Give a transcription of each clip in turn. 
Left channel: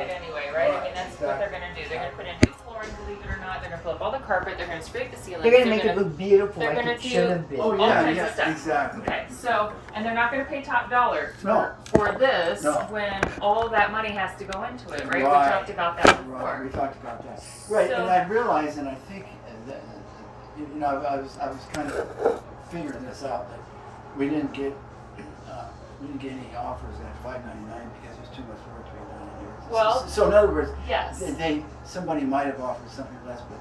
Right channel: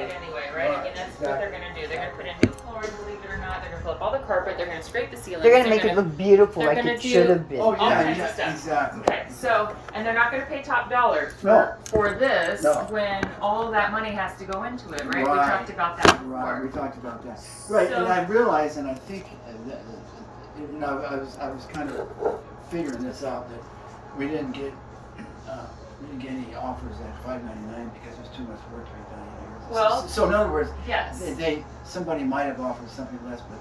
it anyway, right? I mean, that's what they're gonna do. They're gonna put in new flooring, believe it or not. They're gonna pull up all the carpet. They're gonna scrape the ceilings. They're gonna make it look beautiful, they're like gonna it do should have been. Oh all yeah, kinds yeah, of stuff. exactly. Okay, so, and they're not gonna pay top dollar No. for this No. when all of that money has to go into it, right? We Right. talked about that Right, we before. talked about that. Right, So- and I realized, and I think, you know, I was kind of figuring this out that we didn't get any offers at $5.99 because there's too much work to be done here. Well, so in other words, Yes. somebody might have offered something less, but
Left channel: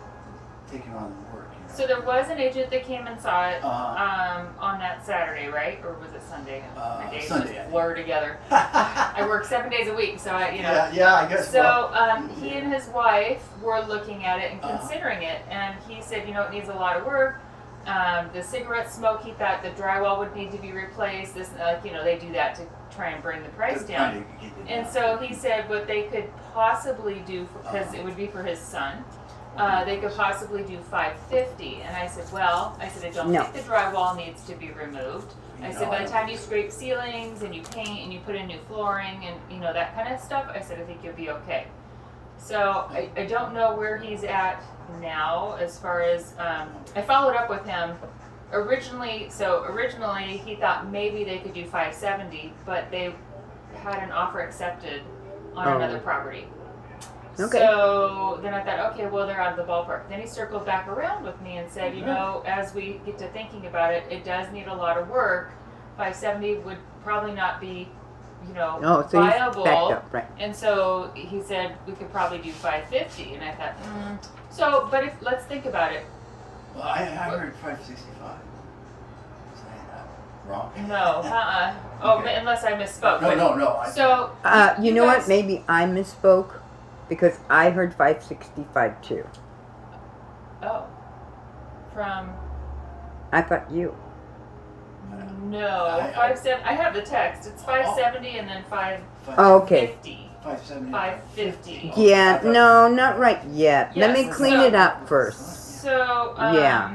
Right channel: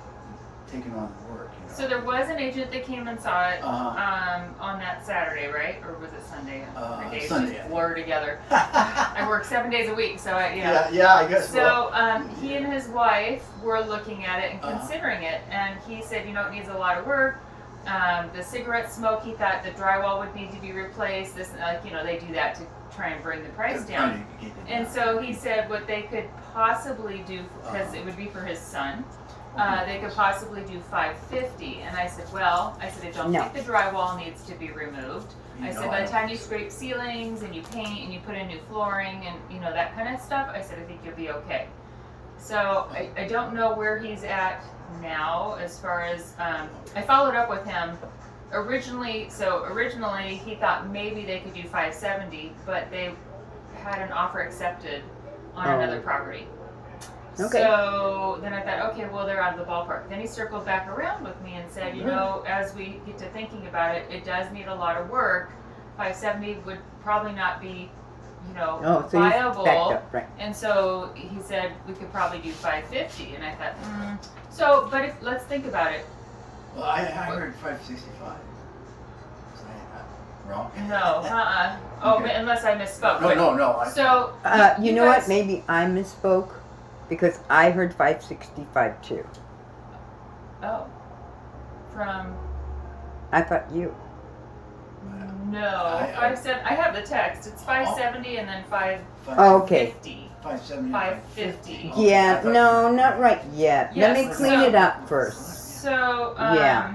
taken on the work. You know? So there was an agent that came and saw it Uh-huh. on that Saturday, right? Or was it Sunday? My days Sunday, I just think. blur together. I work 7 days a week, so I, you know. Yeah, I guess. So he and his wife were looking at it and Uh-huh. considering it, and he said, you know, it needs a lot of work. The cigarette smoke, he thought the drywall would need to be replaced. This, you know, they do that to try and bring the price down. And so he said what they could possibly do, because it would be for his son, they could possibly do $550. And I said, well, I don't No. think the drywall needs to be removed. I said, by the time you scrape ceilings and you paint and you put in new flooring and, you know, that kind of stuff, I said, I think you'll be okay. So I don't know where he's at now as far as, I followed up with him. Originally he thought maybe they could do $570, but they had an offer accepted on another property. Okay. So then I thought, okay, well, they're out of the ballpark. Then he circled back around with me and said, you know, as we get to thinking about it, it does need a lot of work. 570 would probably not be, you know, Oh, so you viable. backed up, right? And so he said we could probably do 550, and I thought, So, but let's think about it. Well, I heard 565. Was I wrong? No, Oh, Okay. unless I misspoke. No. So, You know what? guys- Maybe I misspoke because I heard 565 too. Oh, from I thought you. no, I- 570. I have the text. It's 570 and then 550. Oh, okay. 570. 550. Yeah, no, not right yet. Let me Yes, clean so- it up first. So, Yeah.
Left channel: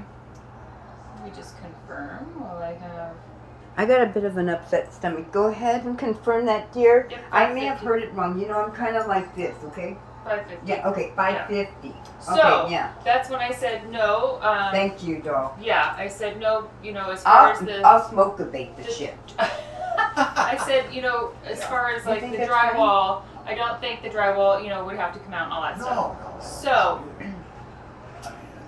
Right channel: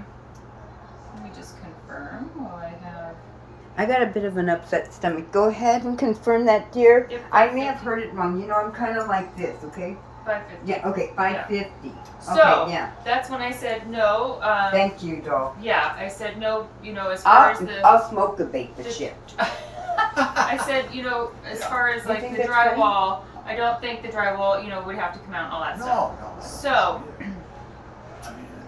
Let me just confirm while I have. I got a bit of an upset stomach. Go ahead and confirm that, dear. Yep, I may have 550. heard it wrong. You know, I'm kind of like this, okay? 550. Yeah, okay, 550. So, Okay, yeah. that's when I said no. Thank you, doll. Yeah, I said no, you know, as far as the. I'll smoke a bait the the- shit. I said, you know, as far as You like think the that's funny? drywall, I don't think the drywall, you know, would have to come out and all that stuff. No. So,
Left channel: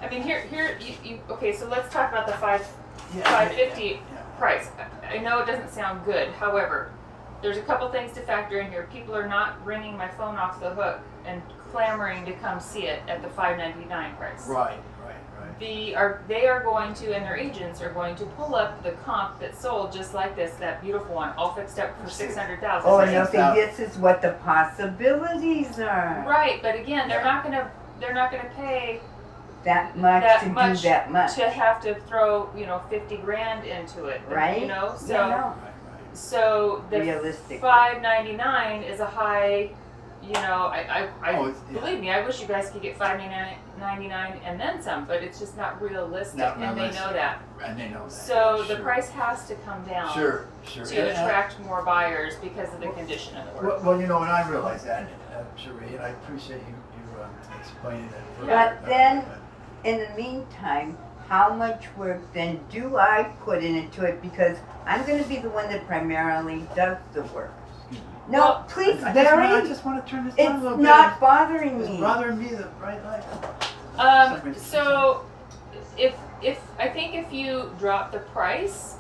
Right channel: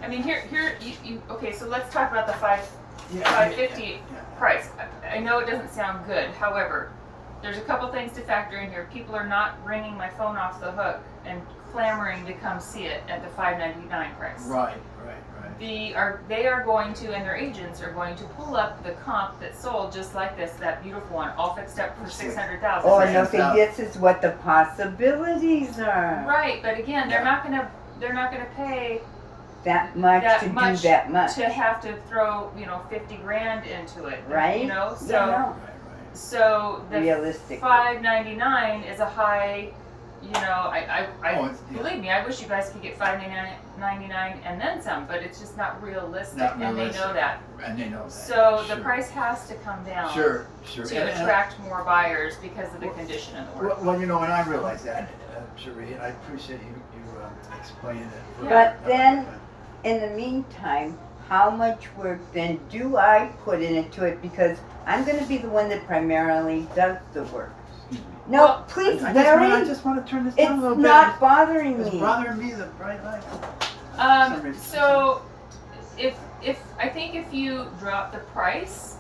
I I mean, here, you okay, so let's talk about the 550 yeah. price. I know it doesn't sound good, however, there's a couple things to factor in here. People are not ringing my phone off the hook and clamoring to come see it at the $599 price. Right. They are going to, and their agents are going to pull up the comp that sold just like this, that beautiful one, all fixed up for $600,000. Oh, right? no, see, this is what the possibilities are. Right, but again, they're Yeah. not gonna pay That much that to much do that much. to have to throw, you know, 50 grand into it. Right? You know, so Yeah, no. so the Realistic. $599 is a high. You know, I Oh, yeah. believe me, I wish you guys could get $599 and then some, but it's just not realistic, Not and they realistic. know that. And they know that. So the Sure. price has to come down Sure. to attract more buyers because of the condition of the work. Well, you know, and I realize that, Cherie, and I appreciate you explaining it. further. But then, in the meantime, how much work then do I put into it? Because I'm going to be the one that primarily does the work. No, Well, please, I Barry. just want to turn this down a It's little bit. not bothering It's me. bothering me, the bright light. So if I think if you drop the price,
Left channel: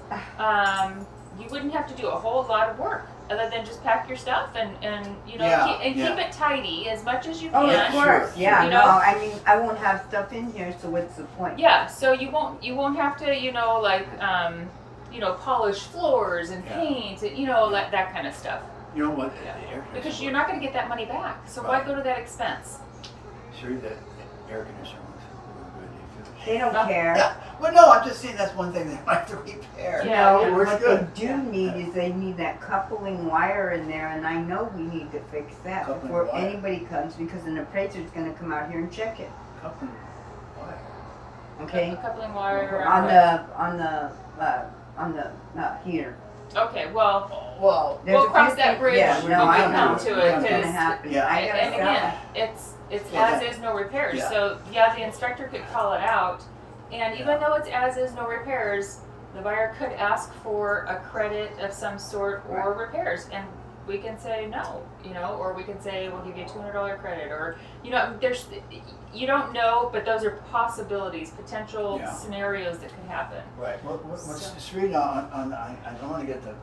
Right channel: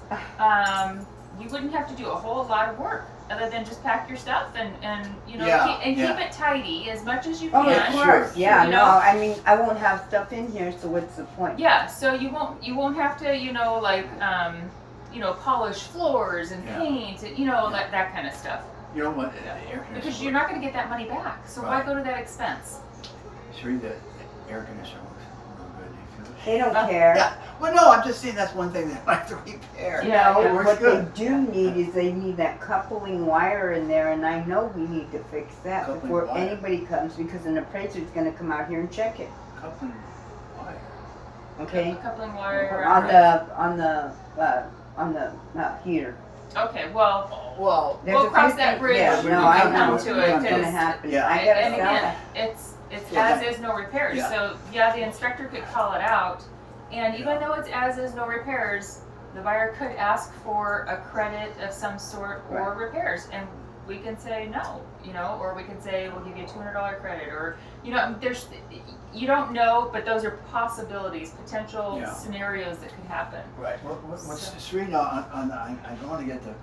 you wouldn't have to do a whole lot of work other than just pack your stuff and you know Yeah, keep yeah. it tidy as much as you Oh, can. of course. Sure, Yeah, you no, know? I mean, I won't have stuff in here, so what's the point? Yeah, so you won't have to, you know, like polish floors and Yeah. paint, you know, like that kind of stuff. You know what? Yeah. The air conditioner. Because you're not going to get that money back. So why Right. go to that expense? Cherie, that air conditioner looks really good. Do you feel it? They don't care. Yeah. Well, no, I'm just saying that's one thing they might have to repair. Yeah, No, yeah. It works what good. they do need is they need that coupling wire in there, and I know we need to fix that Coupling before wire. anybody comes, because an appraiser's gonna come out here and check it, Coupling wire. okay? A coupling wire On the heater. Okay, well, Well, There's we'll a cross few that things- bridge yeah, when we no, I come know to what's it, gonna 'cause happen. Yeah. I gotta and sell again, it. it's Yeah, as that- is, no repairs, Yeah. so, yeah, the inspector could call it out, and even Yeah. though it's as is, no repairs, the buyer could ask for a credit of some sort or Right. repairs, and we can say no, you know, or we can say, we'll give you a $200 credit, or, you know, there's, you don't know, but those are possibilities, potential Yeah. scenarios that could happen. right, what's, So- Sri, I don't wanna get the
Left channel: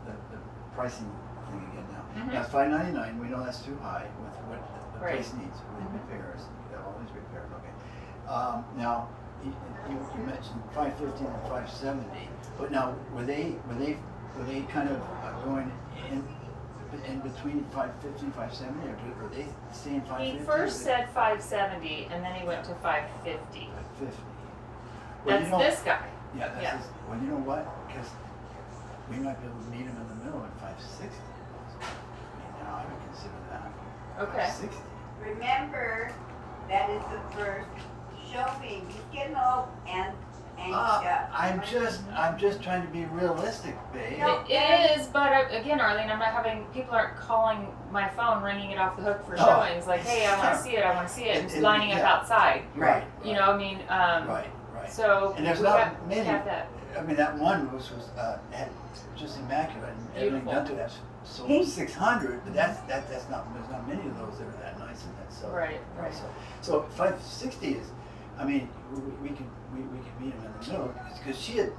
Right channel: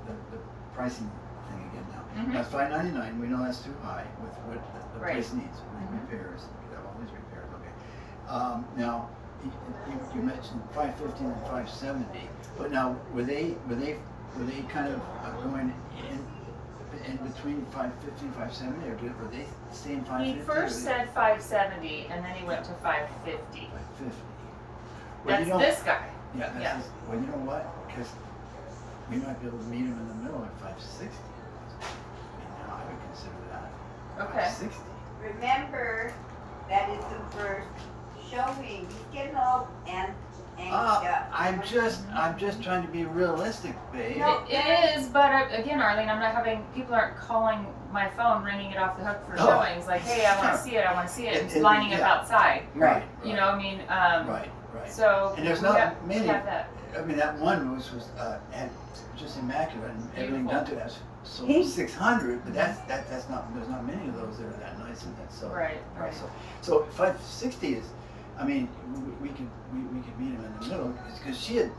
pricing thing again now. Mhm. That's $599, we know that's too high with what the Right. place needs, Mhm. repairs, all these repairs, okay. Now, you mentioned 550 and 570, but now, were they kind of going in between 550 and 570, or were they staying 550? He first said 570, and then he went to 550. 550. Well, That's you know, this guy. Yeah, that's yeah. his, well, you know what? Because we might be able to meet him in the middle at 560. I mean, now I would consider that. Okay. 560. Remember, that is the first showing. He's getting all angst up. I'm just trying to be realistic, babe. No. It is, but again, Arlene, I'm not having, people aren't calling my phone, ringing it off the hook for Oh. showings, like, hey, I wanna Sure. see it, I wanna see it, And- lining up yeah. outside. Right. You know, I mean, Right. so And there's we not have, many. we have that. I mean, that one was had just immaculate, and everything Beautiful. done to that. So He- 600, but that's not. There's not many of those that are that nice in that. So Right, right. So 560 is. I mean, we could meet him in the middle because she had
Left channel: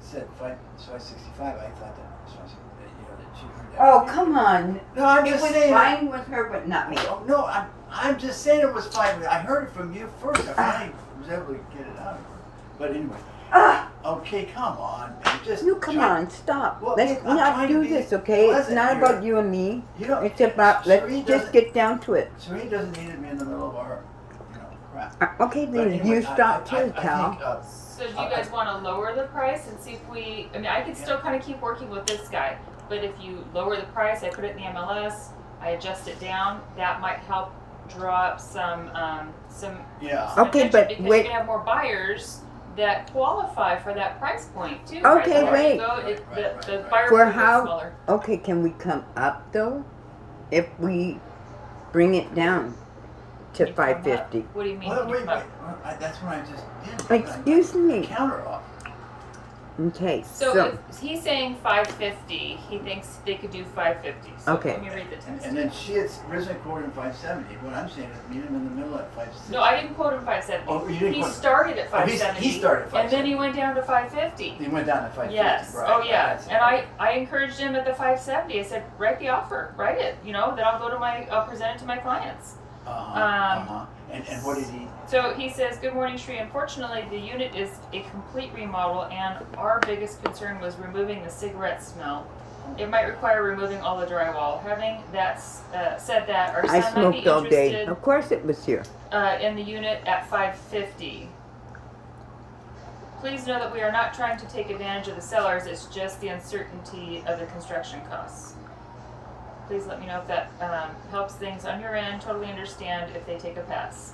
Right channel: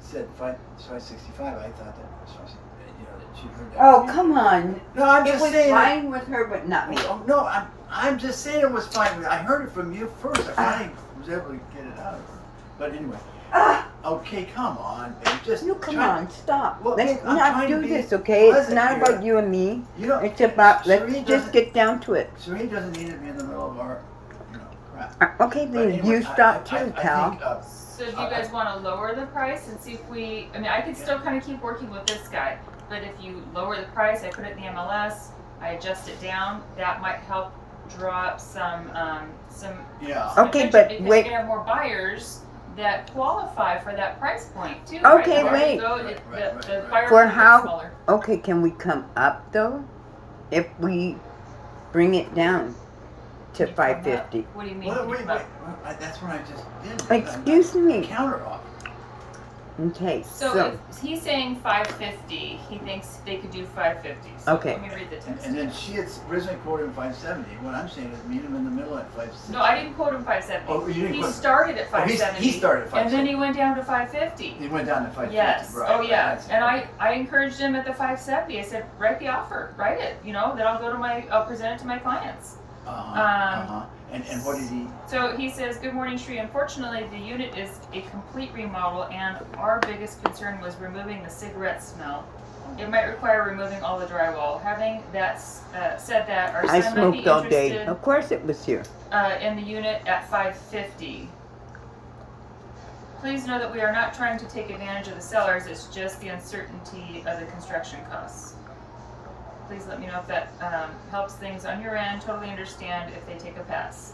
said 565. I thought that was 560. You know that she heard that. Oh, from me. come on. No, I'm It just was saying. fine with her, but not me. Oh, no, I'm just saying it was fine. I heard it from you first. I finally was able to get it out of her. But anyway. Ah, Okay, come on, babe. Just No, come try- on, stop. Well, Let's babe, I'm not trying do to be this, okay? It's pleasant not here. about you and me. You know, It's about, let's Sheree just doesn't- get down to it. Sheree doesn't need to be in the middle of our, crap. Okay, But then anyway, you I stop too, think, pal. So do you guys wanna lower the price and see if we, I mean, I could still kinda keep working with this guy, but if you lower the price, I put it in the MLS, I adjust it down, that might help draw up some Yeah. Okay, attention, but because wait. you can have more buyers that qualify for that price point too. Okay, right? wait. The Right. buyer For pool gets how- smaller. Okay, can we come up though? If we bring it down to Can you come up? 550. What do you mean? Well, can you wait. come up? Well, that's what I just did. Excuse me. Counter offer. Okay, So so, if he's saying 550, he thinks they could do 550. So Okay. let me read the text. And then she had originally quoted him 570. What I'm saying is meet him in the middle at 560. No, I didn't quote him 570. Oh, you didn't He quote him. started at Oh, he 570. started at And then he went down to 550. He went down to 550. Yes. Right, Oh right, yeah. that's- And I encouraged him at the 570. I said, write the offer, write it. You know, then I'll present it to my clients. And what did he? So he says, good morning, Shri. Unfortunately, the unit is a complete remodel, and our biggest concern was removing the cigarette smell. It might require removing all the drywall. Having that said that, our son I might be smoked all day. interested Of course it was here. in the unit at 550. Please know that we are not trying to take advantage of the sellers. It's just the uncertainty of the construction costs. Please let me know if that helps things on your end. Totally understand if they take a pass.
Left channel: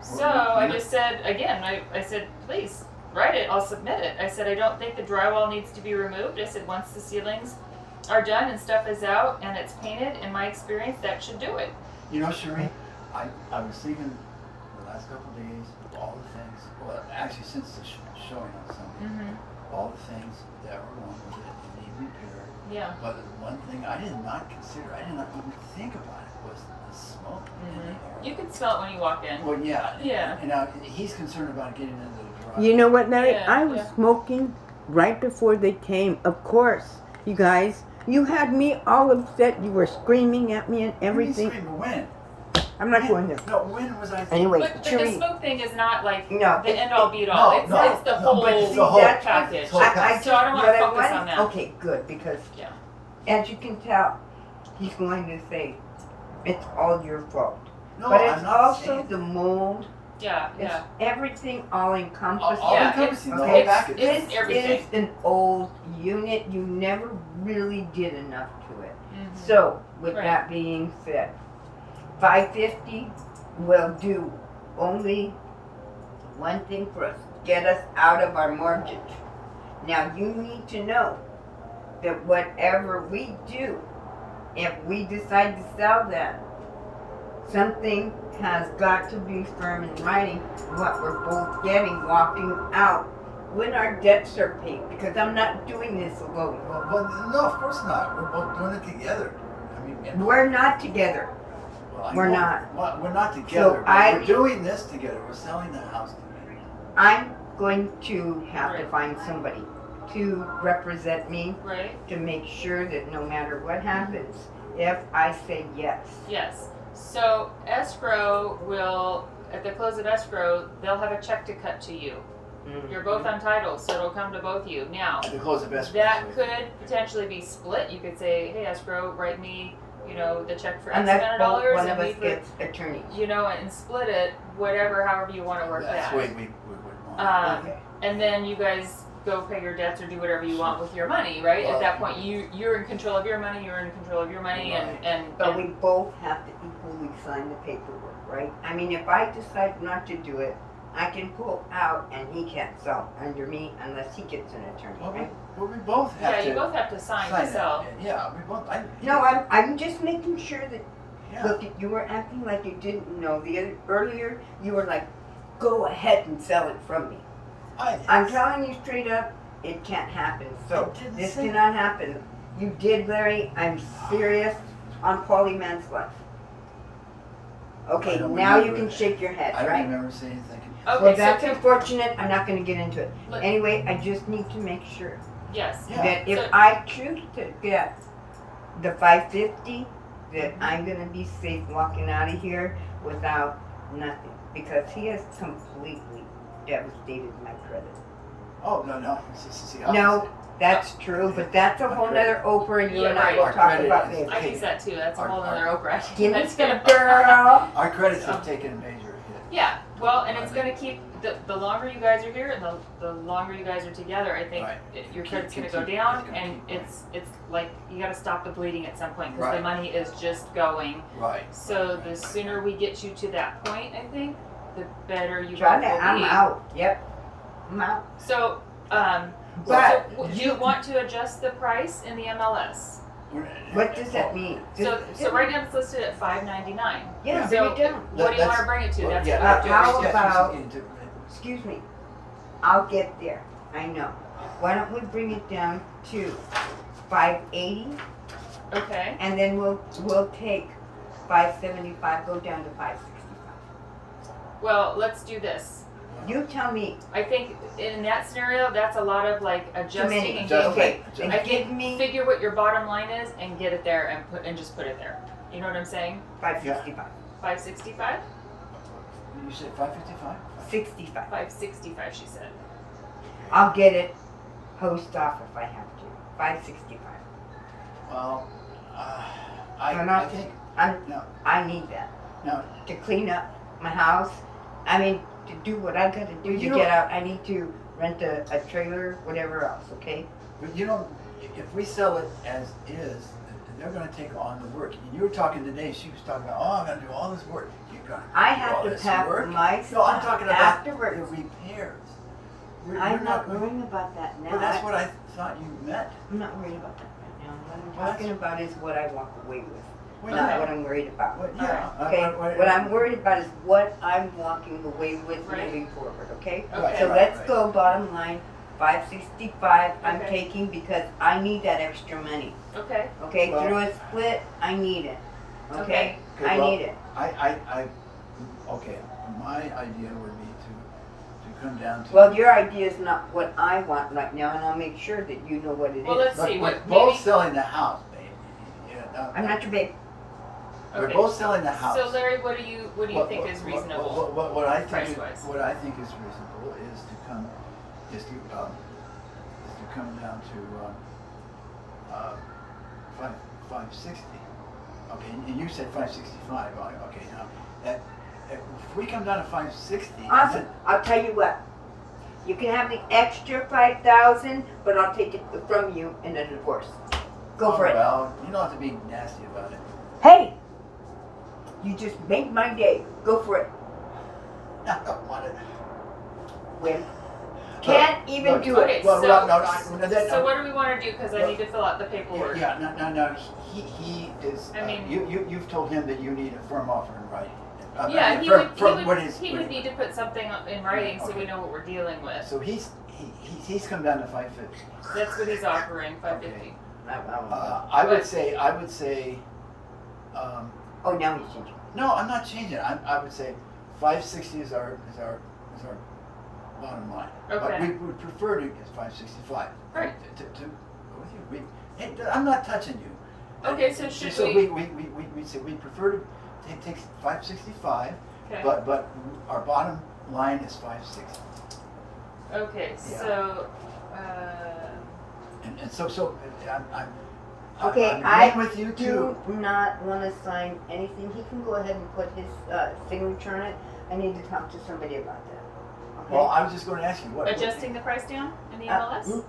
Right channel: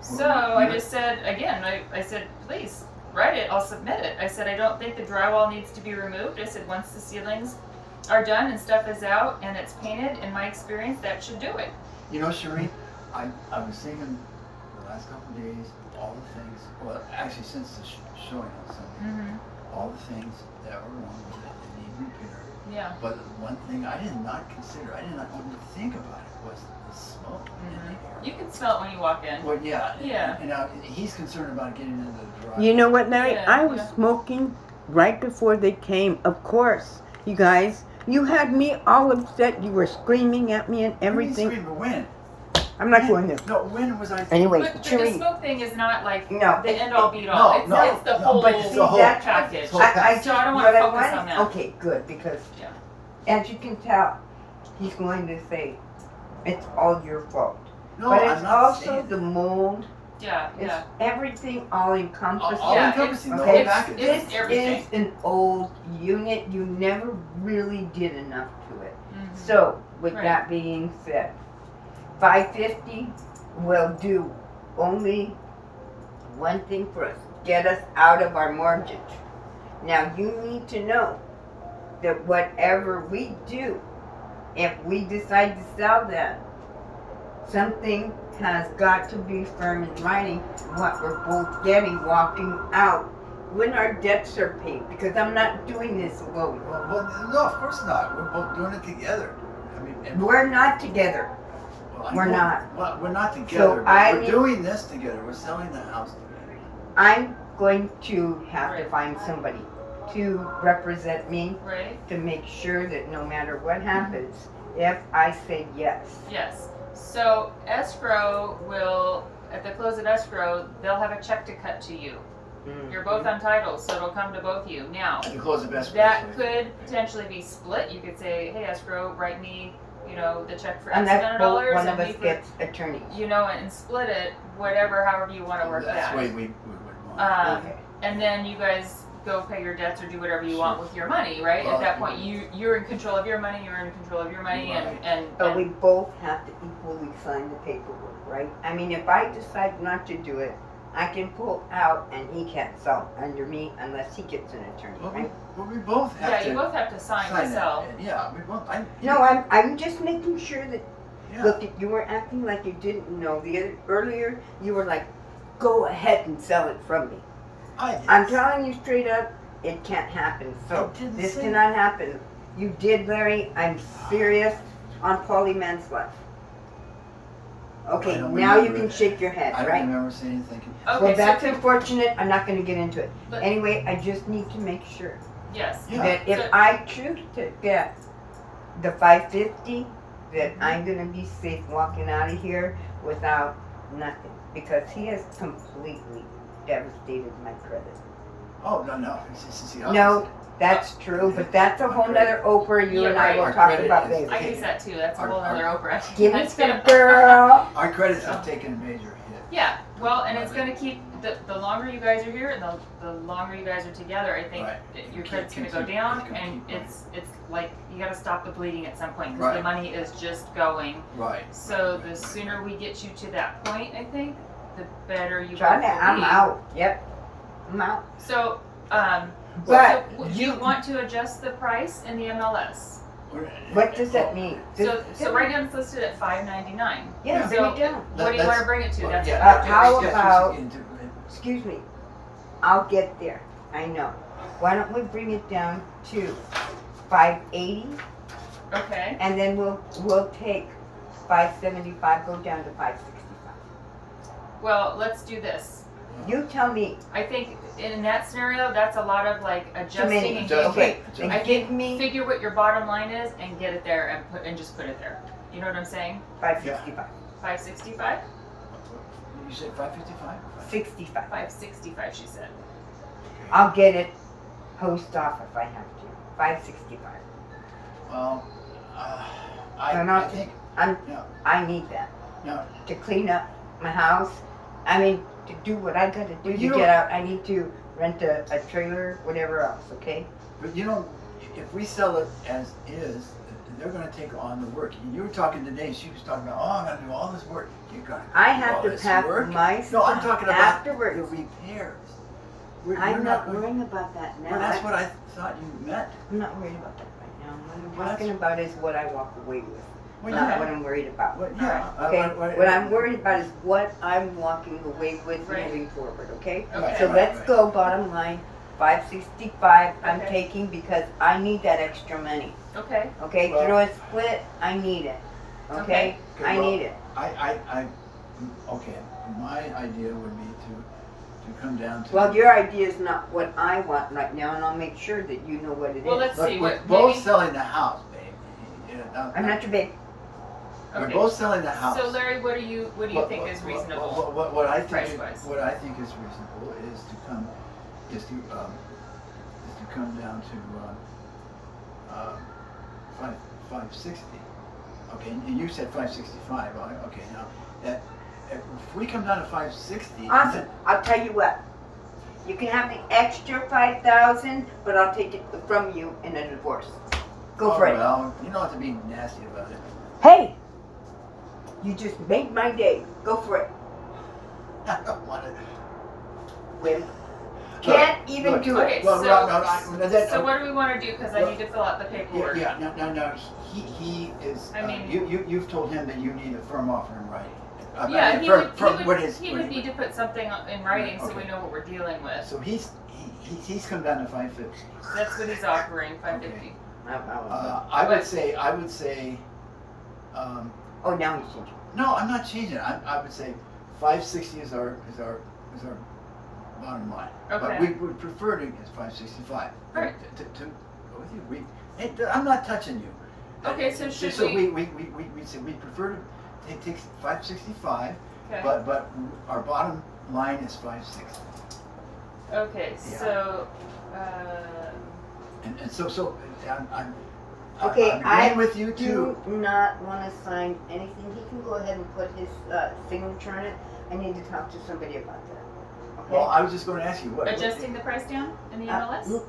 So Well, I just said, again, I said, please write it, I'll submit it. I said, I don't think the drywall needs to be removed. I said, once the ceilings are done and stuff is out and it's painted, in my experience, that should do it. You know, Sheree, I was thinking the last couple of days, all the things, well, actually since the showing on Sunday, Mm-hmm. all the things that were wrong with it, they need repaired. Yeah. But one thing I did not consider, I did not even think about it, was the smoke in the air. You can smell it when you walk in. Well, yeah. Yeah. And now he's concerned about getting into the driveway. You know what, Larry? Yeah, I was yeah. smoking right before they came. Of course, you guys. You had me all upset. You were screaming at me and everything. When? I'm not going there. No, when was I? Anyway, But the Cherie. smoke thing is not like No, the end all be all. It's the whole but it's the whole package. whole I So I don't wanna what focus want- on that. Okay, good, because Yeah. as you can tell, he's going to say, it's all your fault. No, But I'm it's not also saying. the mold, Yeah, it's yeah. everything all encompassing. All Yeah, encompassing, the it's- whole it's- package. it's- This everything. is an old unit, you never really did enough to it. Mhm. So, with Right. that being said, 550 will do only one thing for us, get us out of our mortgage. Now, you need to know that whatever we do, if we decide to sell that, something has got to be firm in writing what we're both getting walking out when our debts are paid, because I'm not doing this alone. Well, no, of course not. We're both doing it together. I mean, and, We're not together. well, I we're know- not. well, we're not together. But I we're need- doing this together. We're selling the house together. I'm going to have to Right. find somebody to represent me Right? to make sure that no matter what happens, if I say yes, Yes. So escrow will, at the close of escrow, they'll have a check to cut to you. You're both on title, so it'll come to both of you. Now, At the close of escrow. that so- could potentially be split. You could say, hey, escrow, write me, the check for X unless amount of both dollars, one of and us we put, gets attorneys. and split it, however you want to work That's that. the way we would want. Um, and then you guys go pay your debts or do whatever you want with your money, right? At that point, you're in control of your money, you're in control of your money, and But we both have to equally sign the paperwork, right? I mean, if I decide not to do it, I can pull out and he can't sell under me unless he gets an attorney, Well, right? we both have yeah, to you both have to sign to sign sell. it. Yeah, we both. No, I'm just making sure that, Yeah. look, you were acting like you didn't know. Earlier, you were like, go ahead and sell it from me. I'm telling you straight up, it can't happen. So I didn't this say cannot happen. You did, Larry. I'm serious on Polly Mann's life. Okay, I don't now you remember can it. shake your head, I don't right? remember saying anything. Okay, Well, so that's can- unfortunate. I'm not going to get into it. But- Anyway, I just need to make sure yes. Yeah. that if So- I choose to get the 550, that I'm going to be safe walking out of here without nothing, because he has completely devastated my credit. Oh no, it's the No, opposite. that's true, but that's a whole Our nother Oprah you Yeah, and I right. will Our talk credit about is- later. I use that too. That's a Our- whole other our- Oprah. Give me That's some good. girl. Our credits have taken a major hit. Yeah, well, and it's gonna keep, the longer you guys are here, the longer you guys are together, I think Right. your Keep- credit's gonna go keep- down, keep- and keep it's like, you gotta stop the bleeding at some point, cause the Right. money is just going. Right. So right, the right, sooner right. we get you to that point, I think, the better you both Trying to, will I'm be. out. Yep, I'm out. So, But do you want to adjust the price in the MLS? what does that mean? So right now it's listed at $5.99. Yeah, So bring it down. what do you wanna bring it to? Well, That's yeah, what we're how doing. yes, about- you can do it. Excuse me. I'll get there. I know. Why don't we bring it down to 580, Okay, and then we'll take 575, go down to 565. well, let's do this. You tell me. I think in that scenario, that's a lot of like adjusting many. and Adjustment, getting, adjustment. I And give think me figure what your bottom line is and get it there and just put it there. You know what I'm saying? 565. 565? You said 555? 65. 565, she said. I'll get it post off if I have to. 565. Well, I'm I out. think I need that. No. To clean up my house. I mean, to do what I gotta do Well, you to get don't- out. I need to rent a trailer, whatever else, okay? But if we sell it as is, they're gonna take on the work. And you were talking today, she was talking about, oh, I'm gonna do all this work. You're gonna I do have all to this pack work? my No, stuff I'm talking about afterwards. the repairs. We're I'm not worried- worrying about that now. Well, that's what I thought you meant. I'm not worried about that right now. What I'm Well, talking about is what I walk away with, Well, not yeah. what I'm worried about. Well, yeah. Okay, what I'm worried about is what I'm walking away with Right. moving forward, okay? Okay. So Right, let's right. go, bottom line, 565 I'm Okay. taking because I need that extra money, Okay, okay? Well- Through a split, I need it, okay? Okay, I well, need it. Okay, my idea would be to come down to. Well, your idea is not what I want right now, and I'll make sure that you know what it is. well, let's Look, see, we're what, both maybe, selling the house, baby. Yeah, no, I'm not your babe. We're okay. both selling the house. So Larry, what do you think is reasonable? What I think price-wise? what I think is reasonable is to come down to 560. Okay, and you said 565. Okay, now if we come down to 560, and Awesome. then- I'll tell you what. You can have the extra 5,000, but I'll take it from you in a divorce. Go for oh, it. Well, you don't have to be nasty about it. Hey, you just made my day. Go for it. I don't want it. Wimp. Can't even look, do it. Okay, Well, so, that- what do we wanna do, cause I need to fill out the paperwork. Yeah, no, he is, I mean- you've told him that you need a firm offer in writing. I Yeah, mean, he for- would, for he what would, is- he what would is- need to put something in writing so Okay. we know what we're dealing with. So he's come down to 550. That's what he's offering, 550. I would say, Oh, now he's changing. no, I'm not changing it. I would say 560 is our bottom line. But Okay. we would prefer to get 565. Right. To go with you, hey, I'm not touching you. Okay, so should so we- we say we prefer to take 565, Okay. but our bottom line is 560. Okay, Yeah. so, And so Okay, I'm I agreeing with you too. do not wanna sign anything. He can go ahead and put his, signature on it. I need to talk to somebody about that. Okay? Well, I was just going to ask you what. adjusting the price down in the MLS? No,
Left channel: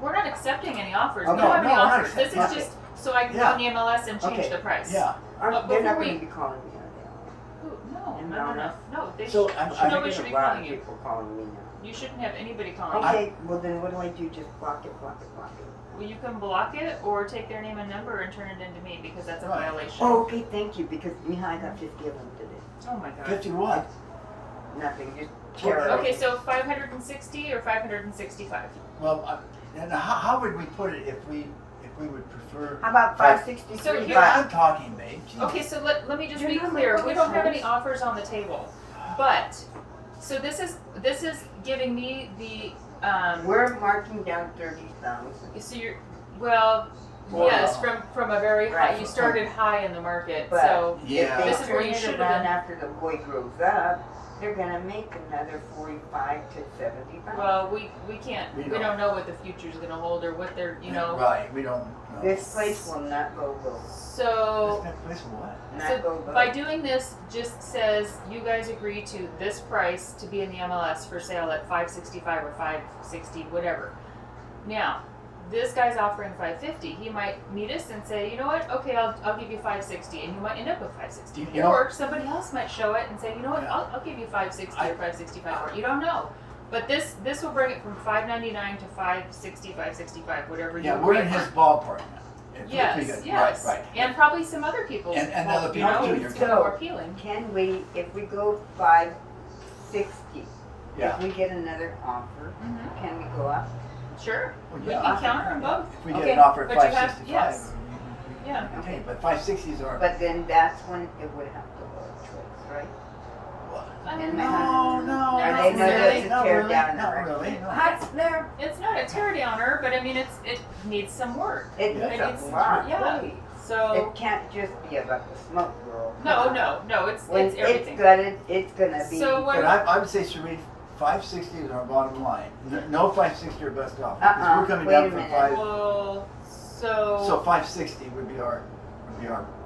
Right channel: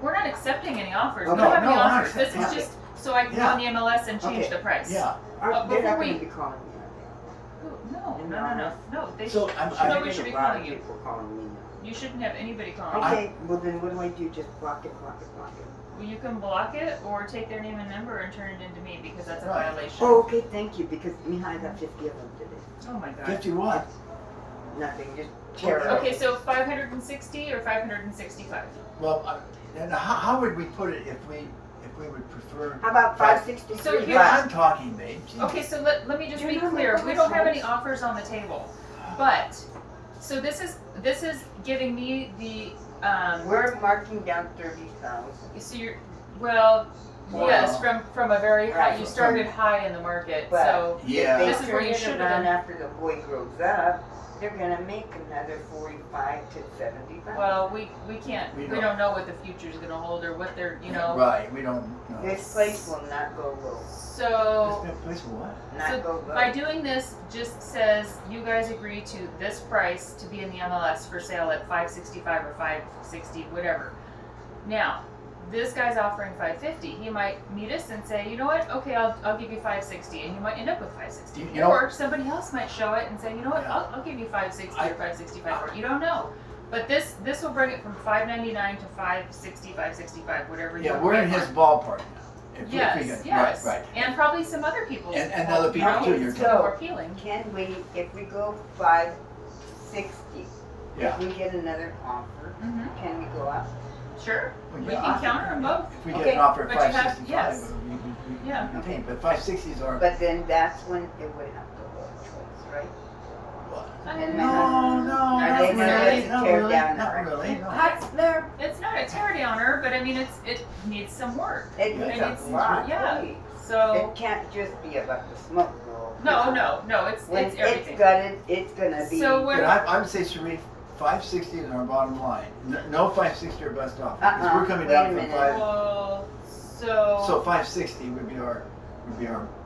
We're not accepting any offers. We Okay. don't have any No, we're not offers. This is accepting- just so I can go Yeah. on the MLS and change Okay. the price. Yeah. they're before not we- gonna be calling me, are Ooh, no, And no, no, no, honest. no. They So should, I'm- they? I- nobody There's should be a lot calling of you. people calling me now. You shouldn't have anybody calling you. Okay, well then what do I do? Just block it. Well, you can block it or take their name and number and turn it into me because that's a Right. violation. Oh, okay, thank you, because, I got 50 of them today. Oh my god. 50 what? Nothing, just Well, tear it Okay, up. so 560 or 565? Well, and how would we put it if we would prefer? How about So 563? you- Yeah, I'm talking, babe. Jeez. Okay, so let me just You're be not clear. my We don't have boss. any offers on the table. But, so this is giving me the, We're marking down 30,000. so you're, well, Wow. yes, from a very high, Right. you started high in the market, But- so. Yeah. If This they is where you turn should it have around been. after the boy grows up, they're gonna make another 45 to 75. Well, we can't, We we don't. don't know what the future's gonna hold or what they're, you know. Right, we don't know. This place will not go low. So, This place will what? Not So go low. by doing this, just says you guys agree to this price to be in the MLS for sale at 565 or 560, whatever. Now, this guy's offering 550. He might meet us and say, you know what? Okay, I'll give you 560, and you might end up with 560. You know- Or somebody else might show it and say, you know what? Yeah. I'll give you 560 or I- 565 for it. You don't know. But this will bring it from 599 to 560, 565, whatever you Yeah, we're in agree his on. ballpark now. If we Yes, get- yes. Right, right. And probably some other people's. And other people you know, too, it's you're gonna be so- more appealing. Can we, if we go 560, Yeah. if we get another offer, Mm-hmm. can we go up? Sure. Well, We yeah, can I- counter them both. If we get Okay, an offer at but you have- 565, yes. we Yeah. can take, but 560 is our. But then that's when it would have to look choice, right? No, Not Are they necessarily. gonna not tear really, down not the really, no. Huts there, It's not a tear downer, but I mean, it needs some work. it Yeah, needs it's- a lot, yeah. please. So, It can't just be about the smoke roll. no, it's When it's everything. it's gutted, it's gonna be. So what? But I would say, Sheree, 560 is our bottom line. No 560 or bust off. Because we're coming wait down a from minute. 5. Well, So 560 would be our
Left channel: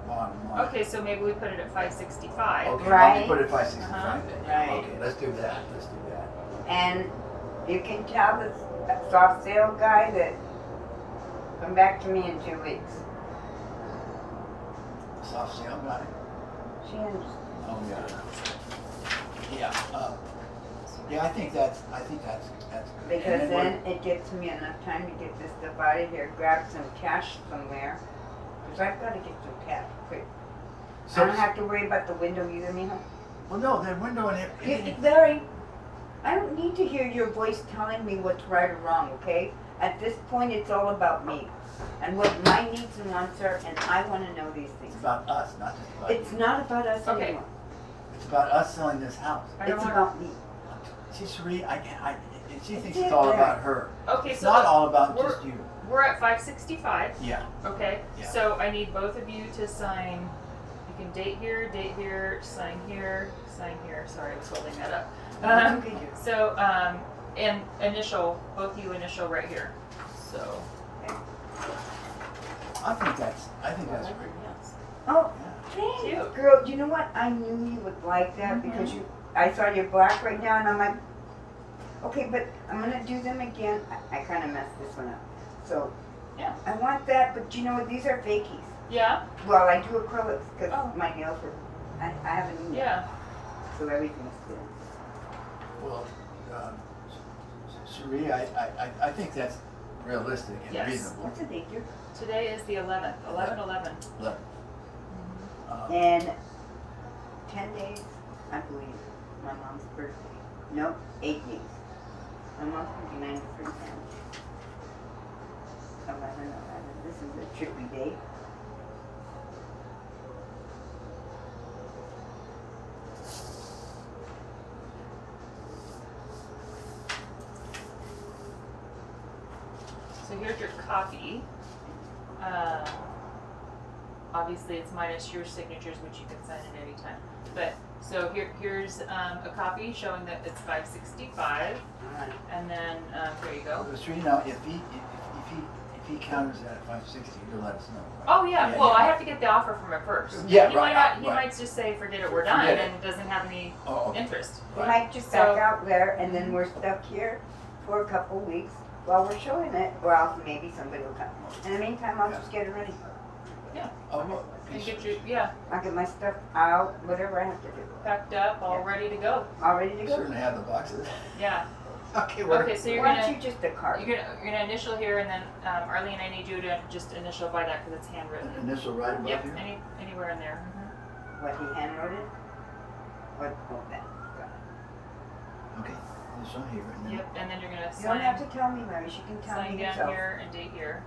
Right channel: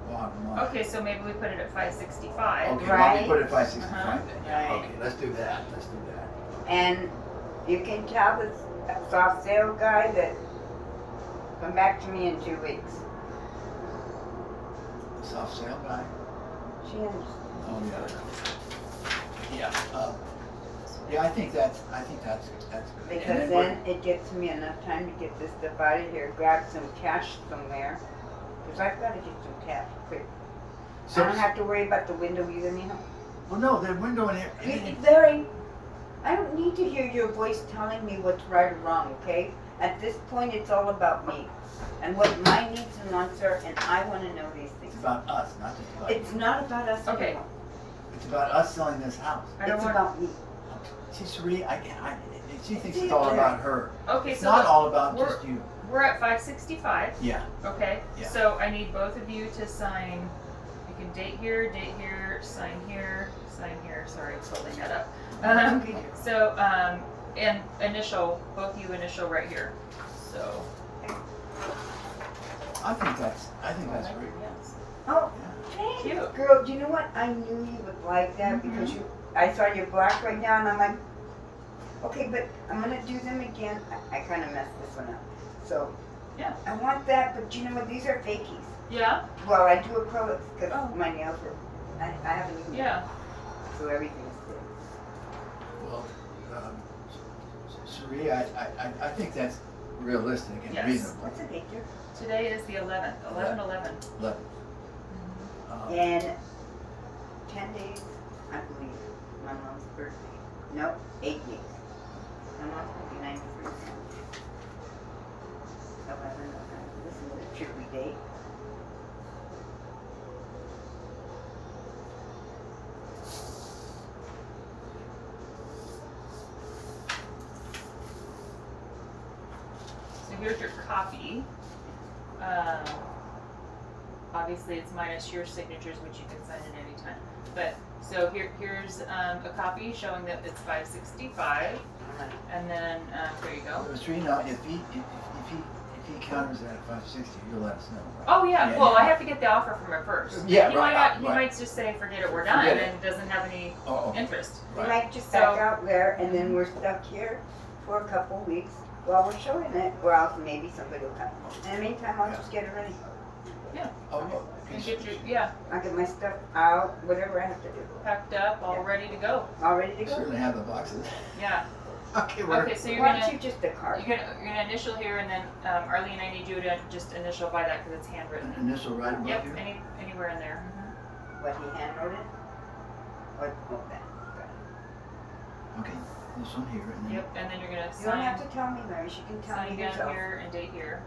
bottom line. okay, so maybe we put it at 565. Okay, why don't we Right. put it at 565 Uh-huh. then? Right. Okay, let's do that. Let's do that. And you can tell the soft sale guy that, come back to me in 2 weeks. Soft sale guy. She understands. Oh yeah. Yeah, I think that's good. Because And then it gets me enough time to get this stuff out of here, grab some cash somewhere. Cause I've gotta get some cash quick. I So, don't have to worry about the window either, anyhow. well, no, the window in You- here. Larry, I don't need to hear your voice telling me what's right or wrong, okay? At this point, it's all about me and what my needs and wants are, and I wanna know these It's things. about us, not just about It's you. not about us Okay. anymore. It's about us selling this house. I don't It's want. about me. See, Sheree, she thinks It's it's all it. about her. Okay, It's so not look, all about we're- just you. we're at 565. Yeah. Okay. Yeah. So I need both of you to sign. You can date here, sign here, sign here. Sorry, I was holding that up. Okay. So and initial, both you initial right here. So. I think that's great. Oh, Yeah. Cute. girl, you know what? I knew you would like that because I saw your black right now and I'm like, okay, but I'm gonna do them again. I kinda messed this one up. So, Yeah. I want that, but you know what? These are fakies. Yeah. Well, I do acrylics because Oh. my nails were, I have an email. Yeah. So everything's good. Well, Sheree, I think that's realistic and Yes. reasonable. What's the date, dear? Today is the 11th, 11/11. But, In 10 days, I believe, my mom's birthday. Nope, 8 days. My mom's gonna be 93 now. 11. This is a trippy date. So here's your copy. Obviously, it's minus your signatures, which you can sign at any time. But so here's a copy showing that it's 565, and then here you go. Sheree, now, if he counters that at 560, you'll let us know, right? Oh yeah. Yeah, Well, yeah. I have to get the offer from her first. Yeah, He right, might not. He right. might just say, "Forget it, we're done," Forget it. and doesn't have any Oh, okay. interest. We Right. might just So- back out there and then we're stuck here for a couple weeks while we're showing it, or else maybe somebody will come. In the meantime, I'll just get it ready. Oh, look. You get your I'll get my stuff out, whatever I have to do. packed up, all Yeah. ready to go. All ready to You go? certainly have the boxes. Yeah. Okay, Okay, so you're Why gonna. don't you just a card? You're gonna initial here, and then Arlene, I need you to just initial by that because it's handwritten. Initial right above Yep, here? anywhere in there. What he hand wrote it? Or, oh, that. Got it. Okay, this one here, and then. Yep, and then you're gonna You don't have sign, to tell me, Larry, she can tell sign me down herself. here and date here.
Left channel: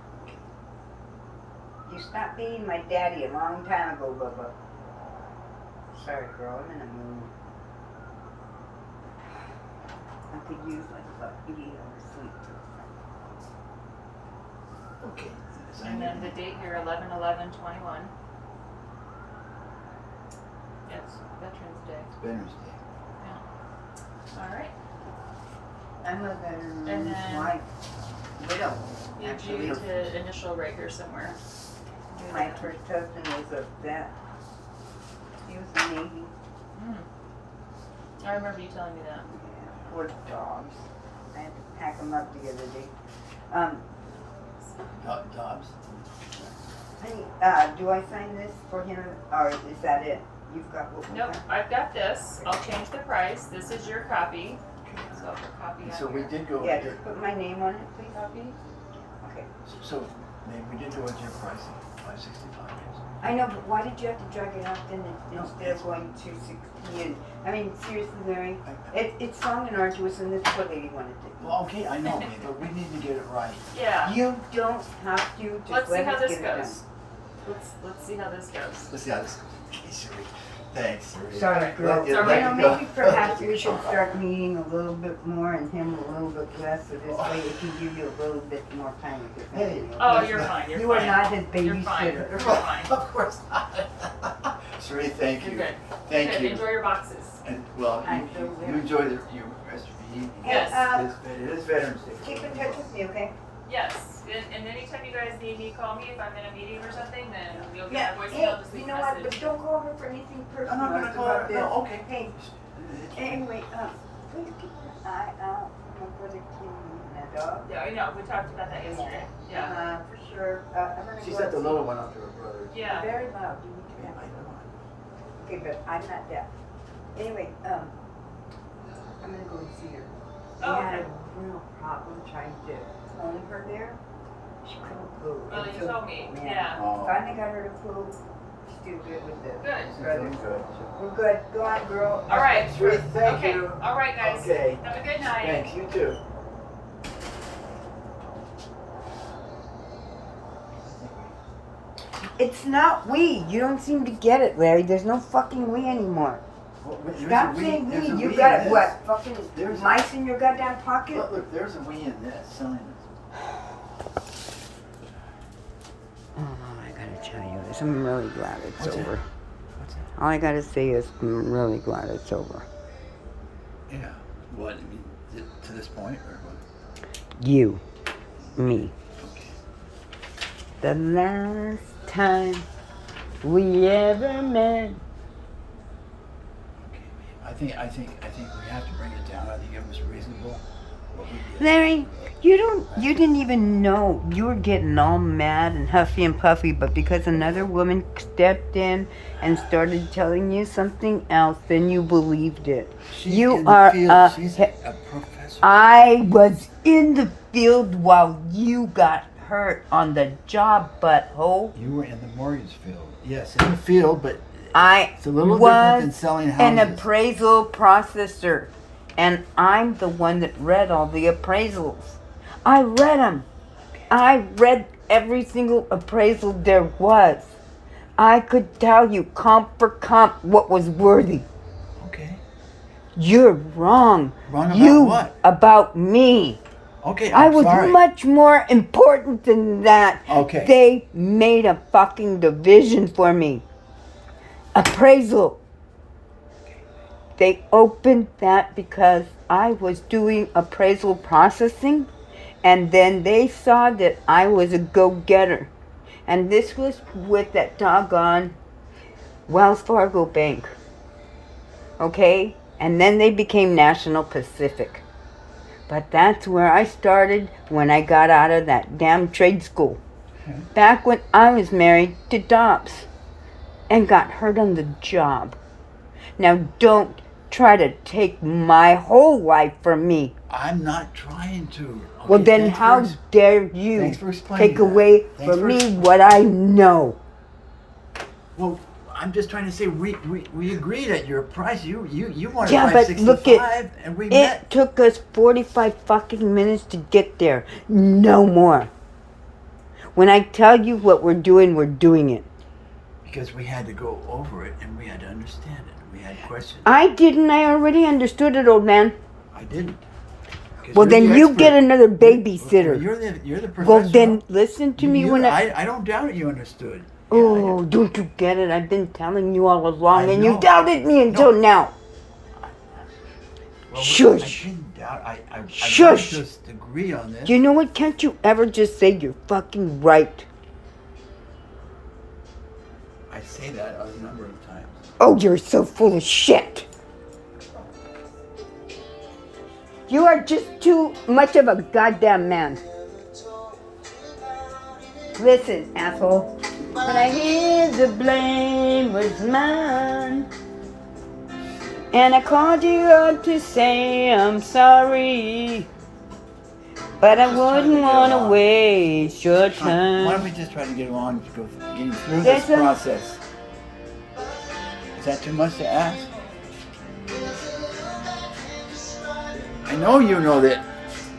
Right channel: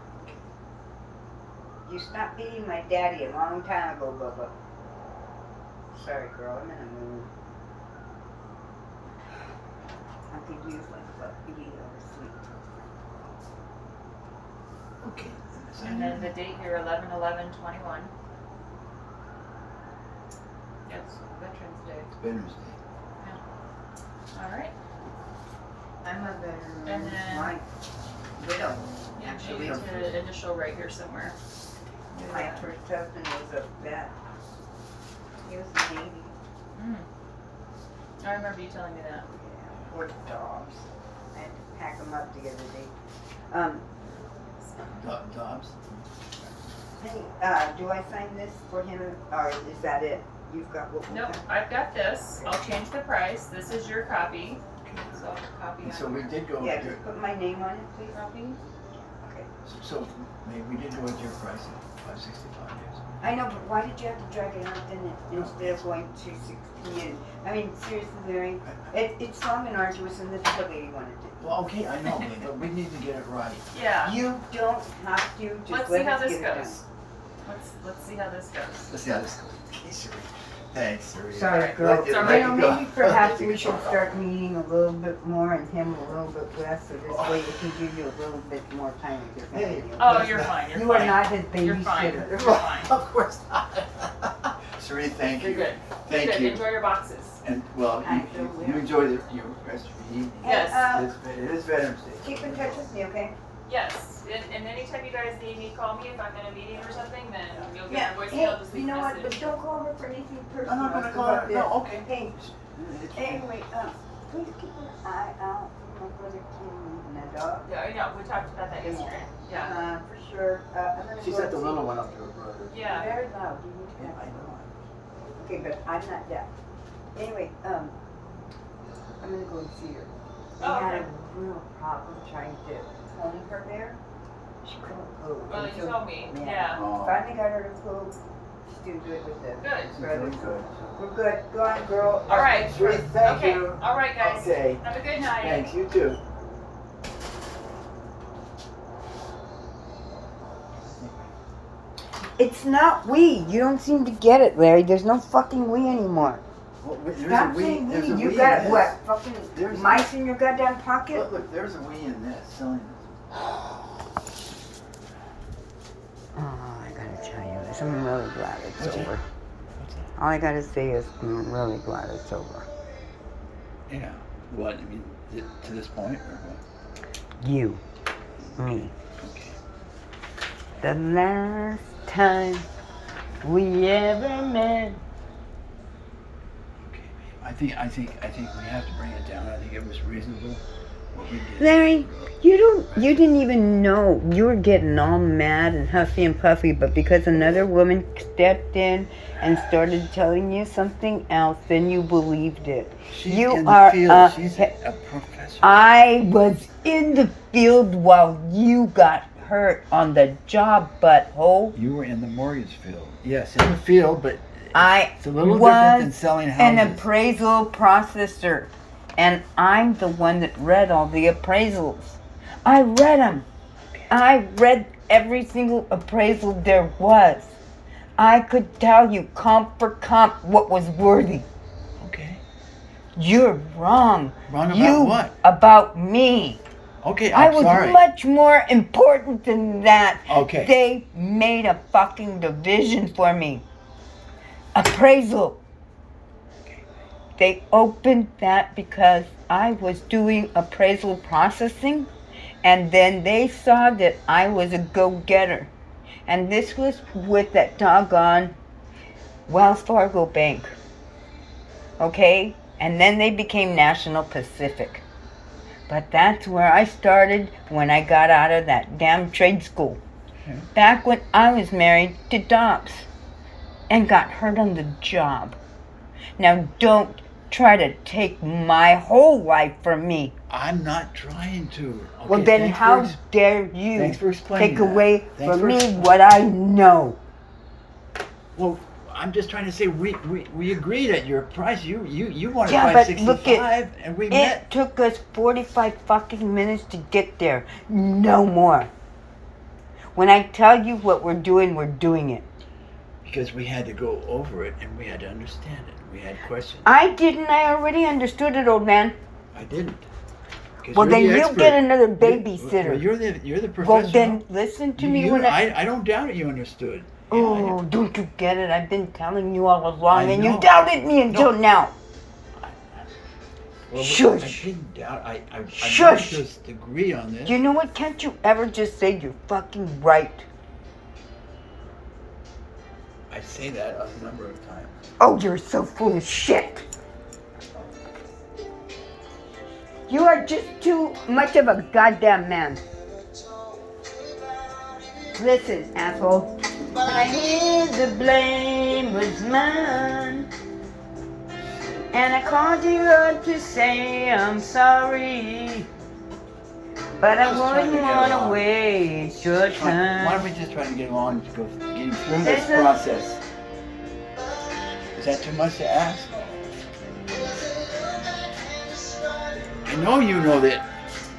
You stopped being my daddy a long time ago, Bubba. Sorry, girl, I'm in a mood. I could use like a idiot or sleep. Okay. And then the date here, 11/11/21. Yes, Veterans Day. Veterans Day. All right. I'm a veteran. And then- My widow, Need actually. you to initial right here somewhere. Do My that. first husband was a vet. He was a Navy. Mm. I remember you telling me that. Yeah, poor dogs. I had to pack them up the other day. Dobbs? Hey, do I sign this for him, or is that it? You've got what we Nope, got? I've got this. I'll change the price. This is your copy. So I'll put copy on So we here. did go, Yeah, just put my name on it, please. Copy. Okay. so maybe we did go with your price of 565 or something. I know, but why did you have to drag it out then instead of going to 16? I mean, seriously, Larry, it's long and arduous, and this is what lady wanted to do. Well, okay, I know, but we need to get it right. Yeah. You don't have to, just Let's see let how us this get it done. goes. Let's see how this goes. Let's see how this goes. Okay, Sheree. Thanks, Sheree. Sorry, Let girl. it- It's all let right. it You know, go. maybe perhaps we should start meeting a little bit more and him a little bit less, so this way it can give you a little bit more time with your Hey. family. Oh, okay? you're fine. You're You are fine. not his You're fine. babysitter. You're fine. Of course not. Sheree, thank You're you. good. Thank Good. you. Enjoy your boxes. And, well, I feel you good. enjoy your rest of the evening. Yes. It is Veterans Day. Keep in touch with me, okay? Yes. And anytime you guys need me, call me if I'm in a meeting or something. Then you'll Yeah, get my hey, voicemail. Just leave you a know what, but message. don't go over for anything I'm personal. not gonna It's call about her, this. no, okay. Hey, anyway, please keep an eye out for my brother Kim and the dog. Yeah, I know. We talked about that yesterday. Yeah. For sure, I'm gonna She go sent the and see- little one up to her brother. Yeah. Very loud, you need to have my little one. Okay, but I'm not deaf. Anyway, I'm gonna go and see her. Oh, We had okay. a real problem trying to home her there. She couldn't move. Well, you told me. Yeah. Oh. Finally got her to poop. She's doing good with the Good. brothers. Good. We're good. Go on, girl. All right. Sheree, thank Okay. you. All right, guys. Okay. Have a good night. Thanks, you too. It's not we. You don't seem to get it, Larry. There's no fucking we anymore. Stop saying we. You got what? Fucking There's a- mice in your goddamn pocket? Look, there's a we in this, selling this. Oh, I gotta tell you this. I'm really glad it's What's that? over. All I gotta say is I'm really glad it's over. Yeah. What, I mean, to this point, or what? You. Me. Okay. The last time we ever met. Okay, I think we have to bring it down. I think it was reasonable. what we did. Larry, you didn't even know. You were getting all mad and huffy and puffy, but because another woman stepped in and started telling you something else, then you believed it. She's You in the are field. She's a professor. I was in the field while you got hurt on the job, butthole. You were in the mortgage field. Yes, in the field, but I it's a little different was than selling an houses. appraisal processor, and I'm the one that read all the appraisals. I read them. I read every single appraisal there was. I could tell you comp for comp what was worthy. Okay. You're wrong. Wrong about you what? About me. Okay, I I'm was sorry. much more important than that. Okay. They made a fucking division for me. Appraisal. They opened that because I was doing appraisal processing, and then they saw that I was a go-getter. And this was with that doggone Wells Fargo Bank. Okay? And then they became National Pacific. But that's where I started when I got out of that damn trade school. Okay. Back when I was married to Dobbs and got hurt on the job. Now don't try to take my whole life from me. I'm not trying to. Okay, Well then thanks for how dare you thanks for explaining take that. away Thanks from for me ex- what I know. Well, I'm just trying to say we agreed at your price. You wanted Yeah, but look 565, and we met It took us 45 fucking minutes to get there. No more. When I tell you what we're doing it. because we had to go over it and we had to understand it. We had questions. I didn't. I already understood it, old man. I didn't. 'Cause Well, you're then the you expert. get another Well, babysitter. you're the professional. Well, then listen to me when I don't doubt it. You understood. Oh, don't you get it? I've been telling you all along, I and you know. doubted me until now. Well, Shush. I didn't doubt. I Shush. want us to agree on this. You know what? Can't you ever just say you're fucking right? I say that a number of times. Oh, you're so full of shit. You are just too much of a goddamn man. Listen, asshole. But I hear the blame was mine. And I called you up to say I'm sorry. But I Just trying to wouldn't get want to along. waste your Why don't time. we just try to get along to go getting through this There's a- process? Is that too much to ask? I know you know that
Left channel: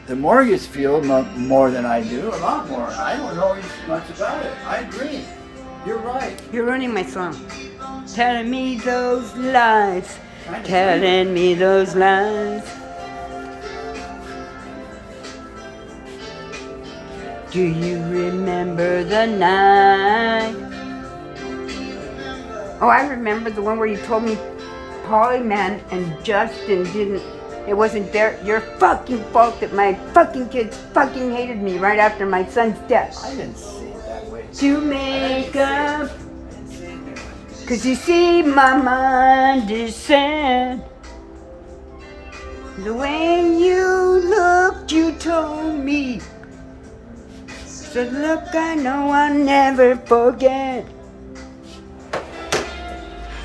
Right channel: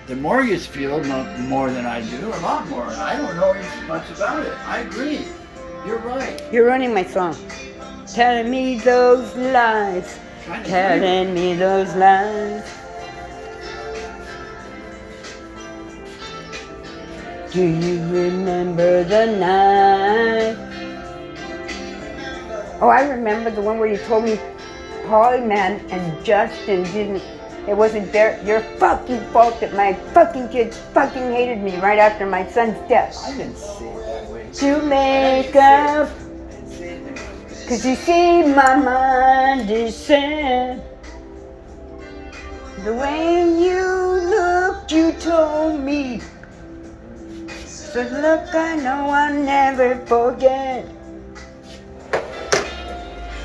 the mortgage field more than I do, a lot more. I don't know as much about it. I agree. You're right. You're running my song. Telling me those lies. Trying to Telling me those lies. Do you remember the night? Oh, I remember the one where you told me Polly Man and Justin didn't. It wasn't your fucking fault that my fucking kids fucking hated me right after my son's death. I didn't see it that way. To make up. I didn't say it that way. 'Cause you see, my mind is sad. The way you looked, you told me. So look, I know I'll never forget.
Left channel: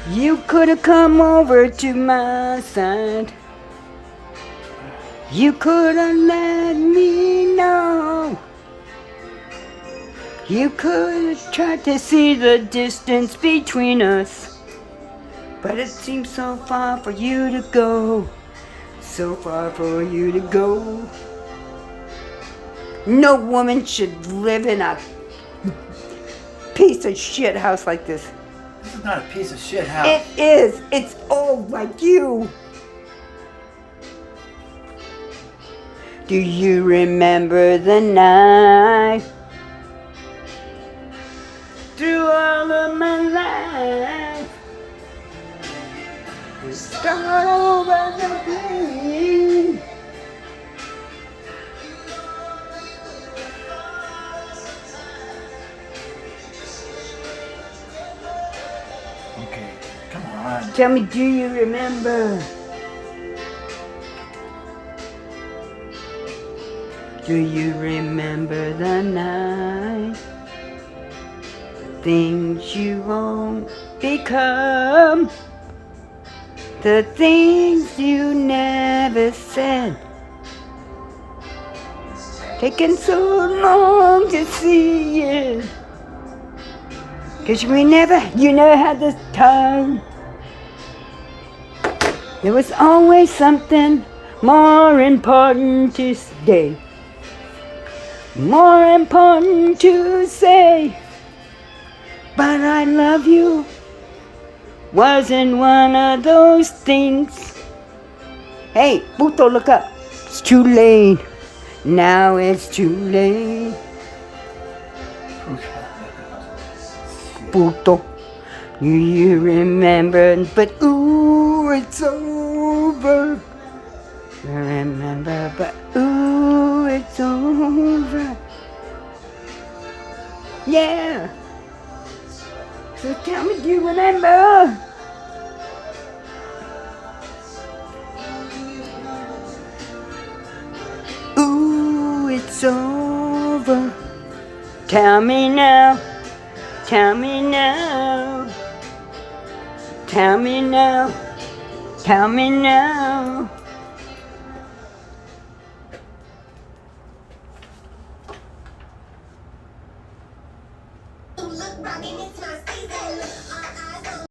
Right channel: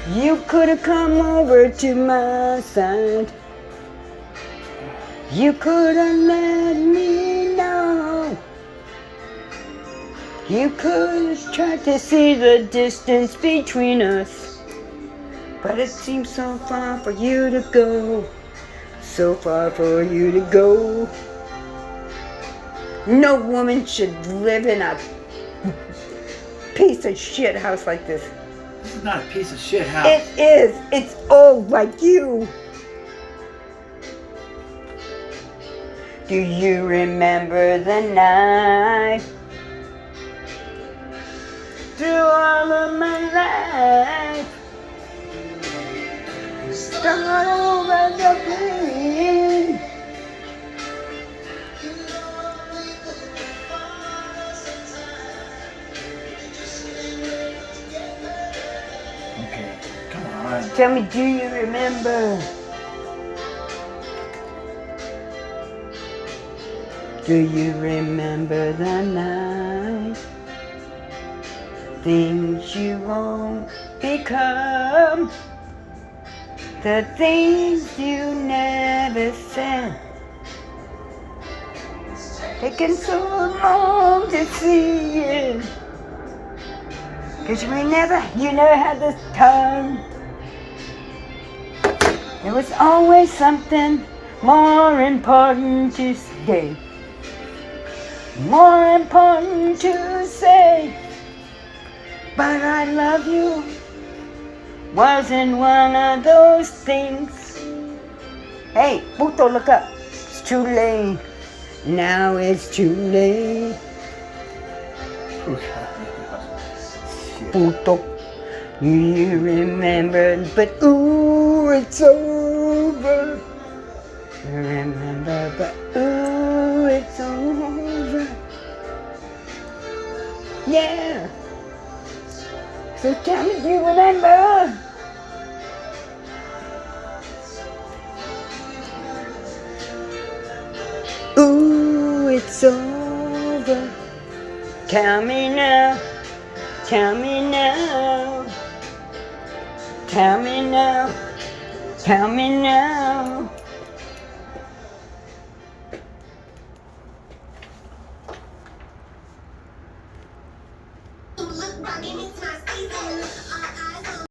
You could have come over to my side. You could have let me know. You could have tried to see the distance between us. But it seems so far for you to go. So far for you to go. No woman should live in a piece of shit house like this. This is not a piece of shit house. It is. It's old like you. Do you remember the night? Through all of my life, start over the plane. Okay, come on. Tell me, do you remember? Do you remember the night? Things you won't become. The things you never said. Taking so long to see you. 'Cause you never had the time. There was always something more important to say. More important to say. But I love you wasn't one of those things. Hey, Puto, look up. It's too late. Now it's too late. Puto, you remember, but ooh, it's over. You remember, but ooh, it's over. Yeah. So tell me, do you remember? Ooh, it's over. Tell me now. Tell me now. Tell me now. Tell me now. Look, rockin' it's my season.